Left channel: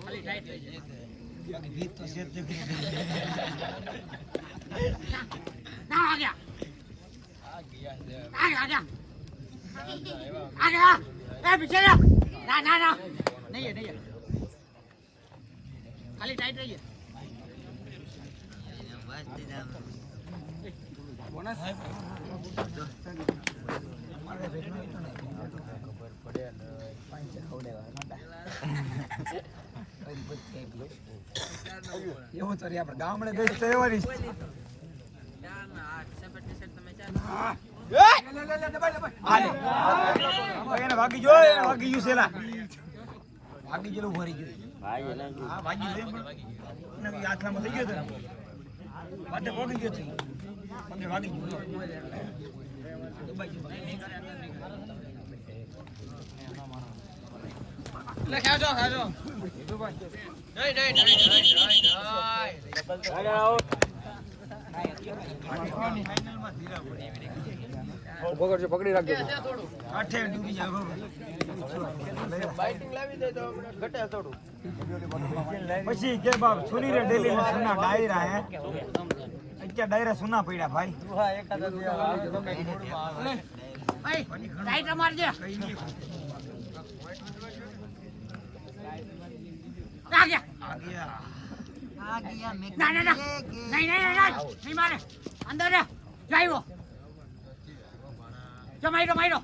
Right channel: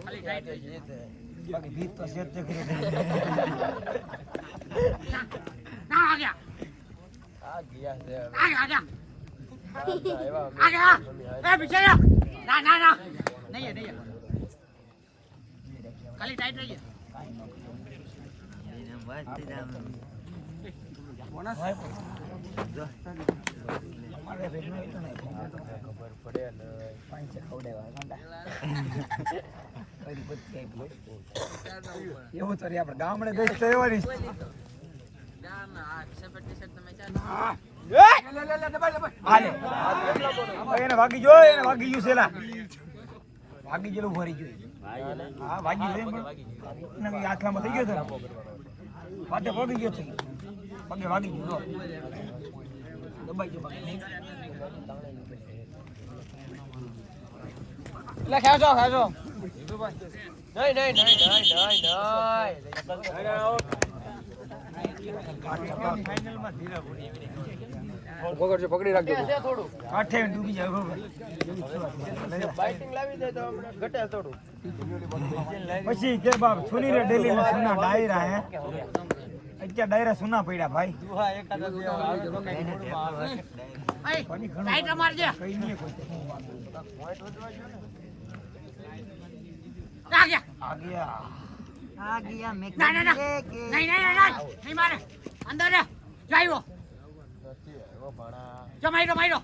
ખાલી ટાઈટ થઈ જાય બાકી ગીત તો સેટ છે ના આ ગયા આ ગયા એ પીછે ના ના ના નહીં નહીં ખાલી ટાઈટ રહી બોનસ એવું તો આપણે ગામડે બેસ્ટ તહેવારી વાગી જો વાગી ગયું છે વાગી ગયેલું ભરી ગયું વાગી ગયું આટલામાં થઈ ગયો તો પાછળ પડી ગયો છે પગે વાગી ગયો ખાજો ખાજો પકડજો પકડી રાખજો આઠે ડૂબી જાય પછી કે બાપ સુની રે ડેલી में सुना डायरा है क्या डायरा सुना पड़ा भाई ભાઈ ટાઈટ મારજે આ ગયા आ गया ના ના ના નહીં નહીં મારે અંદર રે જાયો જમાઈરો માઈરો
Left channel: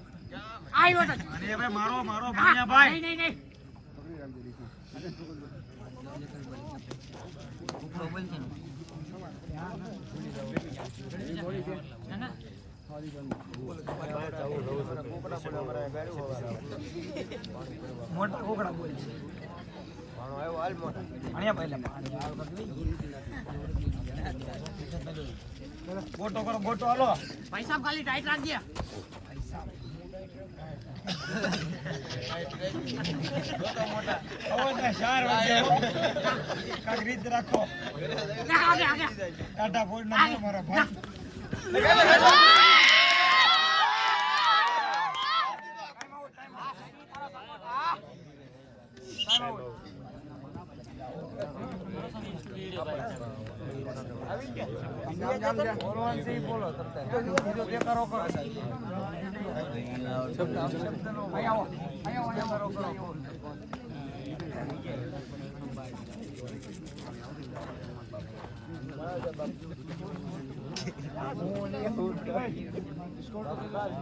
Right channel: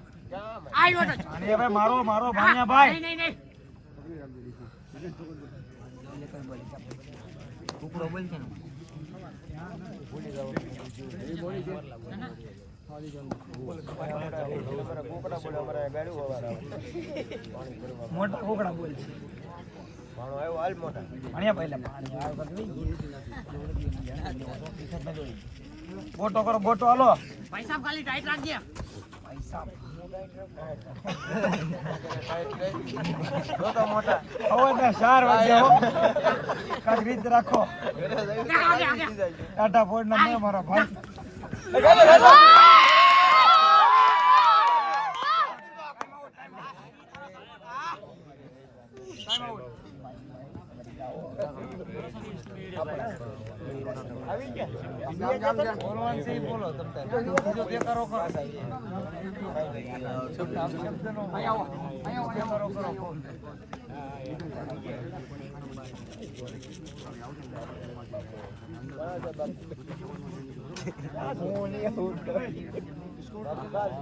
આવ્યો તો अरे भाई मारो मारो भानिया भाई નહીં નહીં मोटा कोकड़ा बोल भणिया पहले गोटो करो गोटो हालो ભાઈ સાહેબ ખાલી ટાઈટ રાખજે मोटा 4 वागे हो काक रीत રાખો આગે કાટા ફોડ ના મારો ભાઈ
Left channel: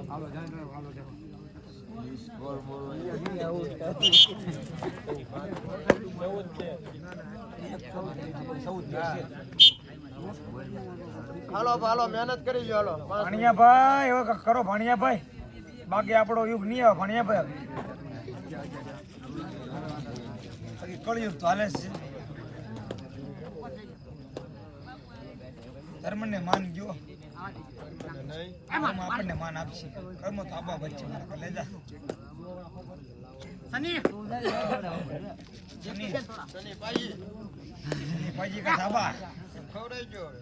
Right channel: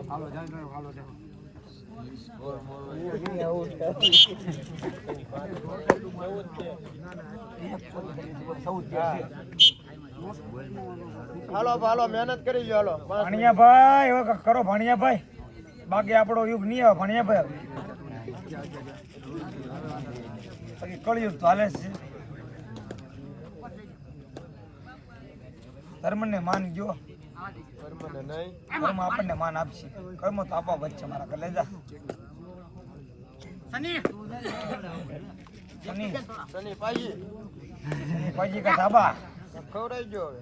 હાલો જાઓ હાલો જાઓ હાલો હાલો મહેનત કરી લો હાલો ભણિયા ભાઈ એવો કરો ભણિયા ભાઈ બાકી આપણો યુગ નહીં આવે ભણિયા ભાઈ કળિયુગ તો હાલે છે ધર્મને માન ગયો આપણને માન આપશે કર્મ તો આપવા વચ્ચે મારા કલેજા સની સની પાજી કા ધાબા ખવડાઈ ગયો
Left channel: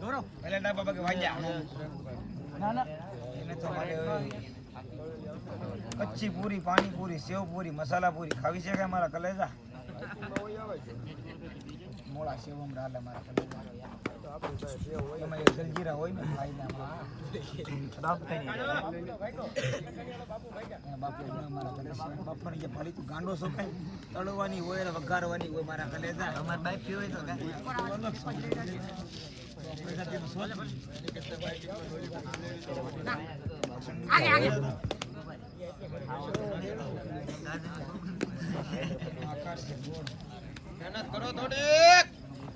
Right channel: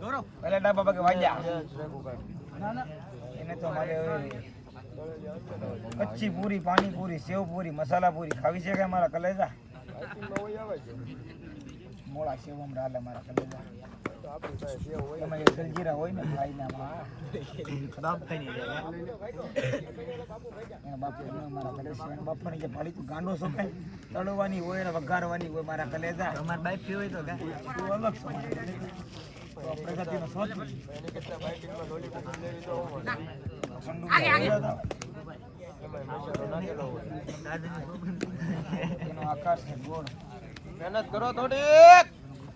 દોરો પેલા ડાબા બાકી વાગ્યા ના ના એને તો મારે કચ્ચી પૂરી પાણી પૂરી સેવ પૂરી મસાલા પૂરી ખાવી છે કે મારા કલેજા મોળા સેવમ ડાલે મારા કલેજા તમે સરજીરા હોય ને ભાઈના બાપુની જે ફાળી તું ગાંડો સોપાય તળવાની હોય ને વઘારવાની હોય મારા કલેજા અમાર બાઈક પી હોય તો આગે આગે આકાશ છે ગોળ મહેનત કરો થોડી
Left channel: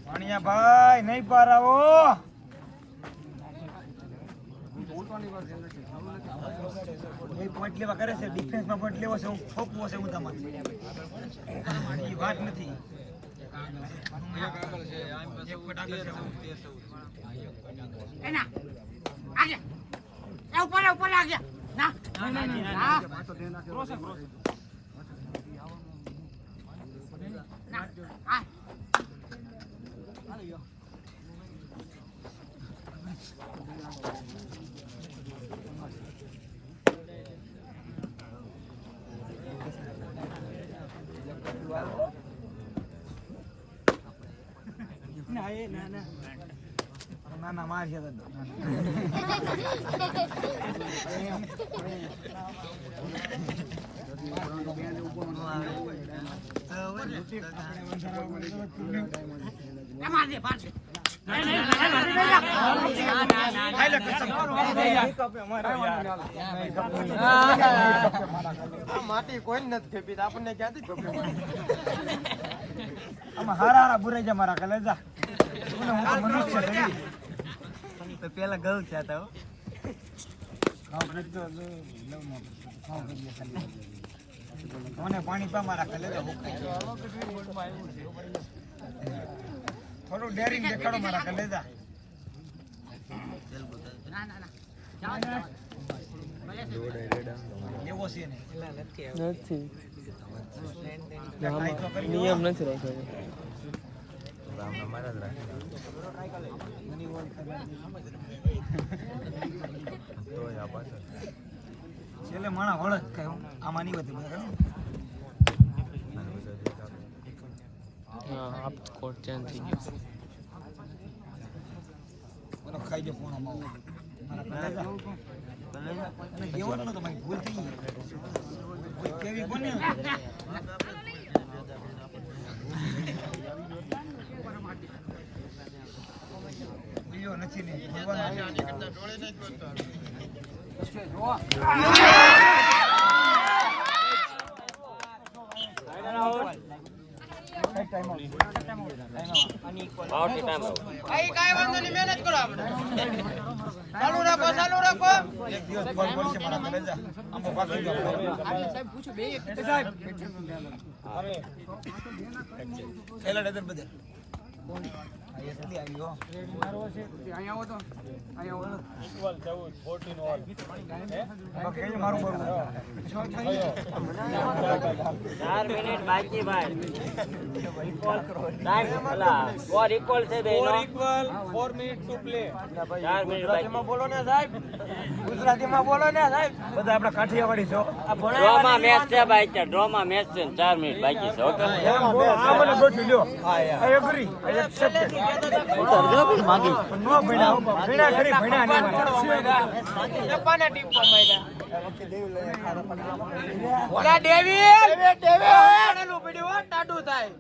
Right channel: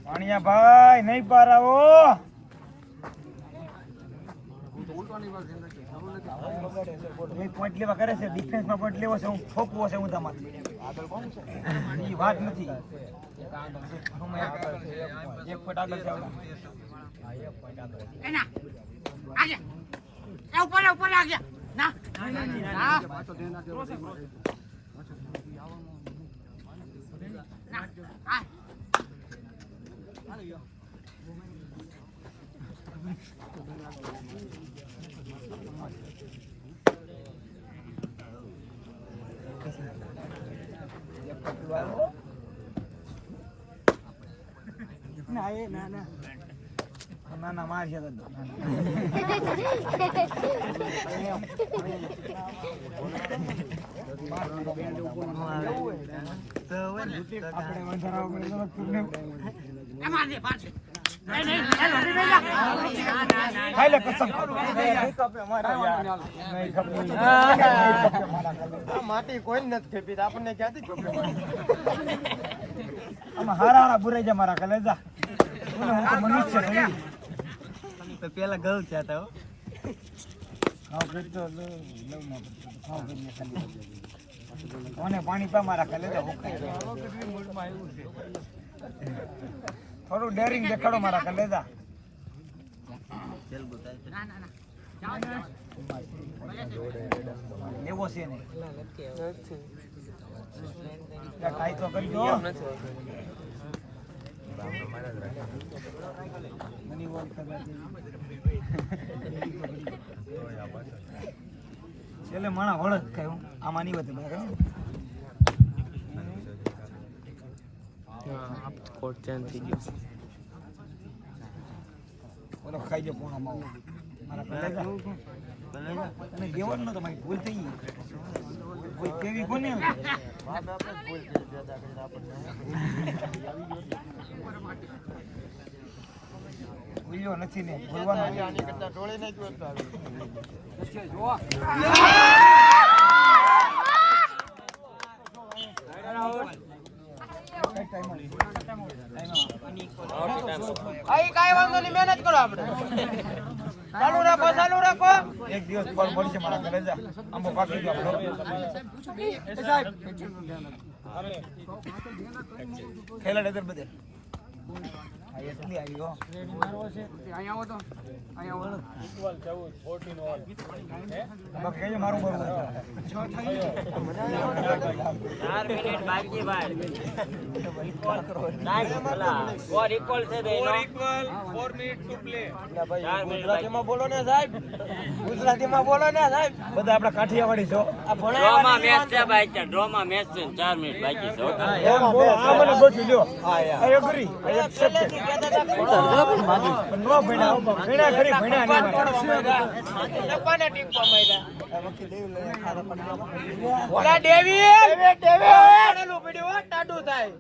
પાણીયા ભાઈ નહીં પારાવો પોઈન્ટ લેવા કરે છે ડિફેન્સમાં પોઈન્ટ લેવો છે હું થોપવો છે હું તમારી વાત નથી એક પોઈન્ટ આગળ છે એના આગે એ ઉપર આગે ના ના ક્રોસ ના ના એ ના ના ના ના માર છે માટી કોઈ નથી ખેપી આપણને ક્યાંથી હારા બુરે છે મારા કલેજા પેલા ગયું છે તો મને પાણી પા મારા કલેજા થોડું ડેરિંગ દેખાડો મારા કલેજા ના ના ના જાઓ જાઓ ભલે છે એવો છે ને છેલ્લે મણા વળત કહેવું આમાં નહીં વધુ આપ કોડ ચેન્જ થઈ ગયો ખાઈ જાય પૂર્ણ કેવાનું તો ભૂલ થઈ ગઈ કેવી કોને બોલ્યો નથી ને બોલવાનું ડોળે ના જોત આઈ કાઈ વાંધો નહીં મહેનત કરો આપણે ચાલુ રાખો એક દિવસ બોલ પડશે મારા કલેજા આમાં પાકી ગયો સાહેબ પૂછું બે સાહેબ ખેલા ડગર બધે એટલી આવ્યો અહીંયા આવો તો અહીંયા આવો કેજે મારું બરું 4 મિનિટ બાકી ભાઈ ઇક્વલ કરો સ્કોર ઇક્વલ છે બેનો 4 મિનિટ ટુ પ્લે 4 મિનિટ ગુજરાતીમાં બોલો ને સાહેબ ગુજરાતીમાં બોલો ને સાહેબ બધા આપડા કાઠિયાવાડી છો આ ડ્રોમાં મેચ છે ભાઈ છે ડ્રોમાં મેચ છે 4 મિનિટ બાકી છે ઓકે એમ બોલો આ મને ગોઠવી લ્યો આ એગ્રી એક્સેપ્ટ ઉતર જો ભાઈ માગી નો ભણ્યા ખરી ભણ્યા નહીં એપાના ટીમ ઓલા ડેવિડ આડેલું પડ્યું ટાટું થાય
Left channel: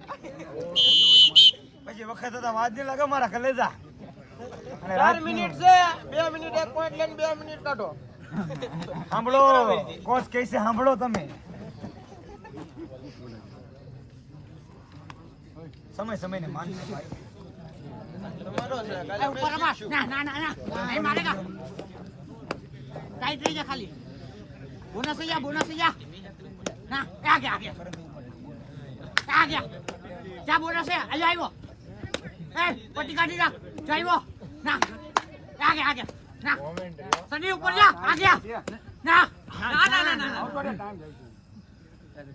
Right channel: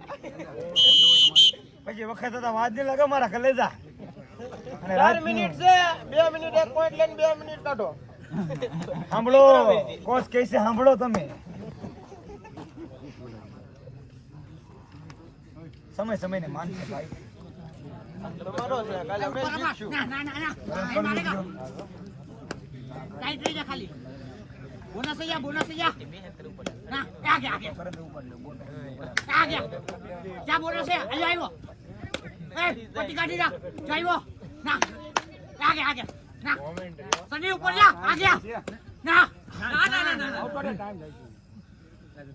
પછી વખત તો વાત નહીં લાગે મારા કલેજા અને 4 મિનિટ છે 2 મિનિટ એક પોઈન્ટ લઈને 2 મિનિટ કાઢો સાંભળો કોચ કહે છે સાંભળો તમે સમય સમય ને માન ભાઈ ઉપર રમા ના ના ના ના નહીં મારેગા ટાઈટ રહી જા ખાલી બોનસ જા ના આ ગયા જા બોનસ છે અહીંયા આવ્યો એ પટ્ટી કાઢી રાખ જો આવ્યો ના આ ગયા ના સની ઉપર જા આ ગયા ના ના ના ના ના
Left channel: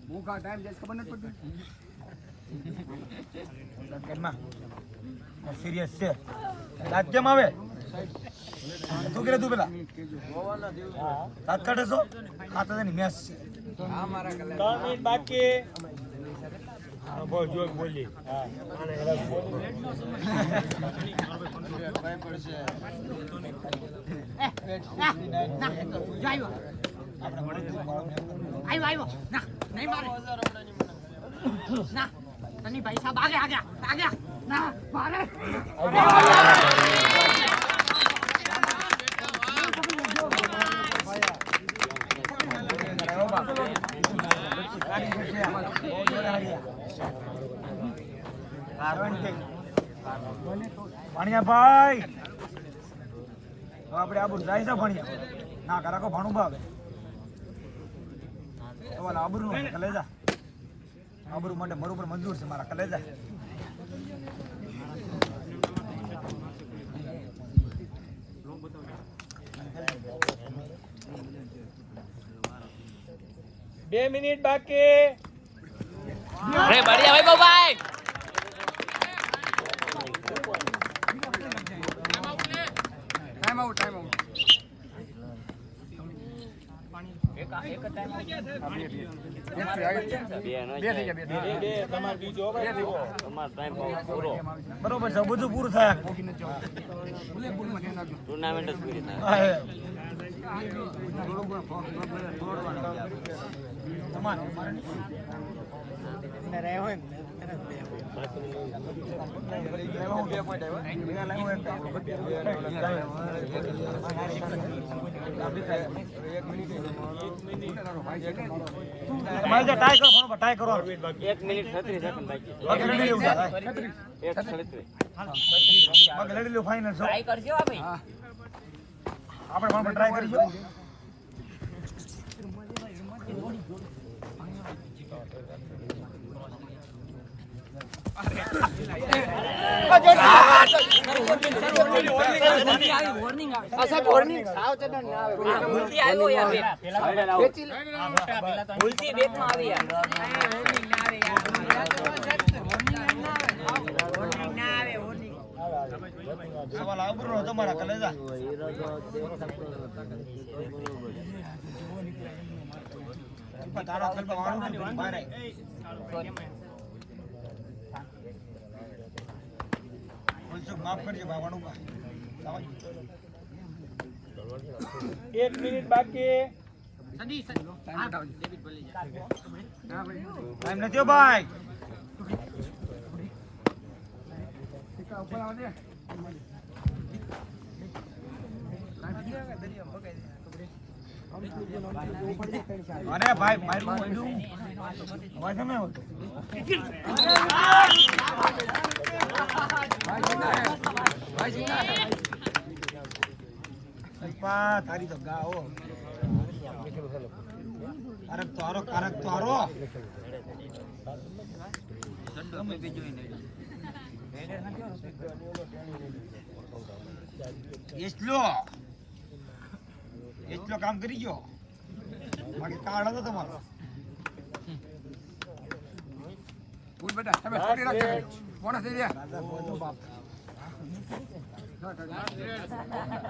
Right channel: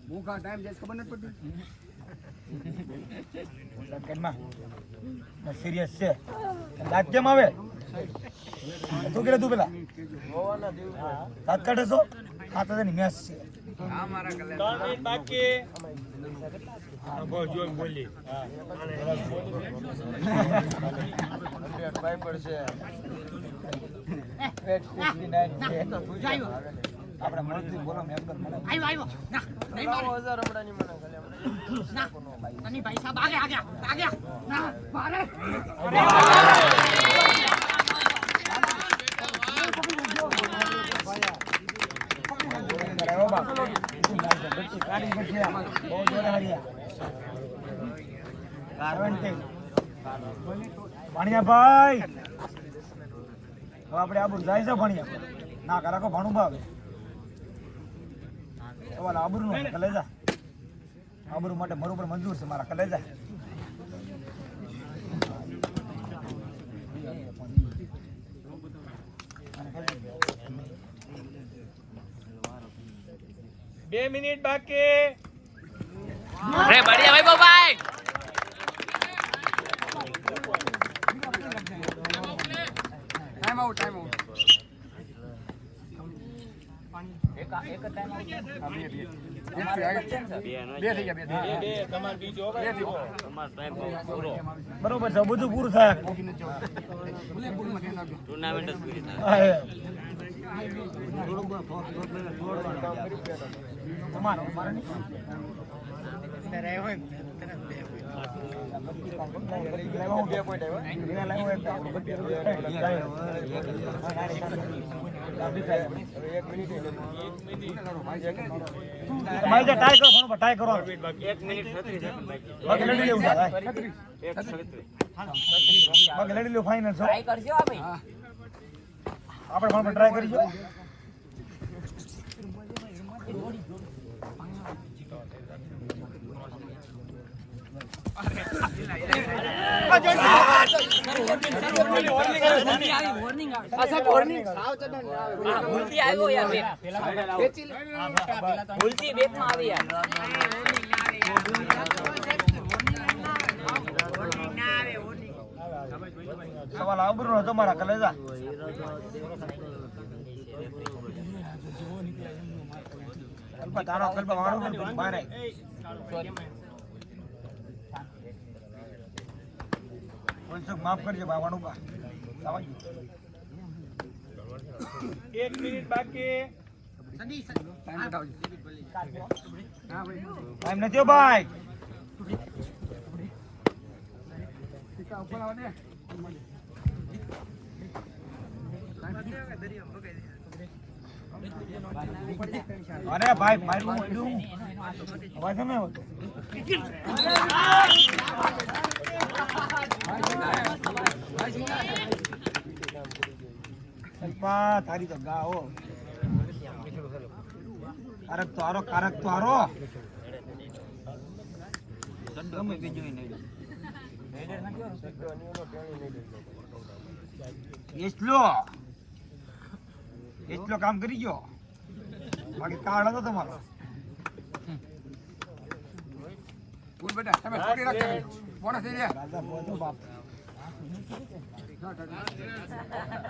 ભૂખા ટાઈમ જસ ખબર નથી પડતી કેમાં સિરિયસ છે દાંત કેમ આવે તું કે તું પેલા દાંત કાઢે છો હા તો તેની મેચ છે હા મારા કલે 3 મિનિટ બાકી બોલ જો બોલી ભાઈ પડશે ના જો આવ્યો ના નહીં મારે ના તની ભાઈ સાહેબ આ ગયા ના મારે ભણ્યા ભાઈ આપણે આબુ જાય છે ભણ્યા ના કરાકો ભણું ભાવે આબુ નું કલેજા આબુ માટે મારું પણ મંજૂર છે મારા કલેજા બે મિનિટ બાકી અરે બઢિયા ભાઈ ભાઈ ટાઈમ આઉટ બરોબર છે બધું પૂરું થાય ટુર્નામેન્ટ પૂરી થાય. ટ્રાય કરો 1 મિનિટ 36 સેકન્ડ બાકી છે. લડી લ્યો ફાઇનલ ટ્રાય કરજો ભાઈ આપણે ટ્રાય કરીશું ભૂલથી આવ્યો યાર ભૂલથી બેટમાં આવી યાર સવાલ આબરૂ હતો મારા કલેજા માફ કરજો બાવાનું 1 મિનિટ બાકી. ટાઈમ નથી ભાઈ અરે ભાઈ તારી તો ગાઓ કારક તો આરો એટલો કામ કરી ગયો બાકી કાર્ડ હતો તમારો બેટા તમે છોડી રાખજો બોનસ થઈ ગયા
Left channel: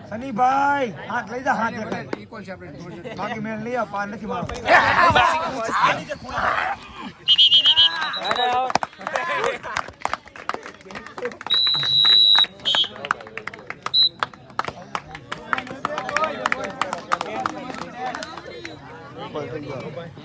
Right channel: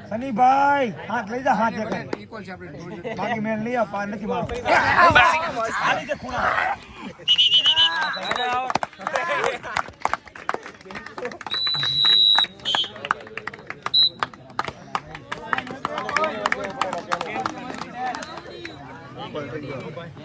સનીભાઈ હાથ લઈ જા હાથ ઇક્વલ છે આપણે બાકી મેલ લઈ આ પાર નથી મારો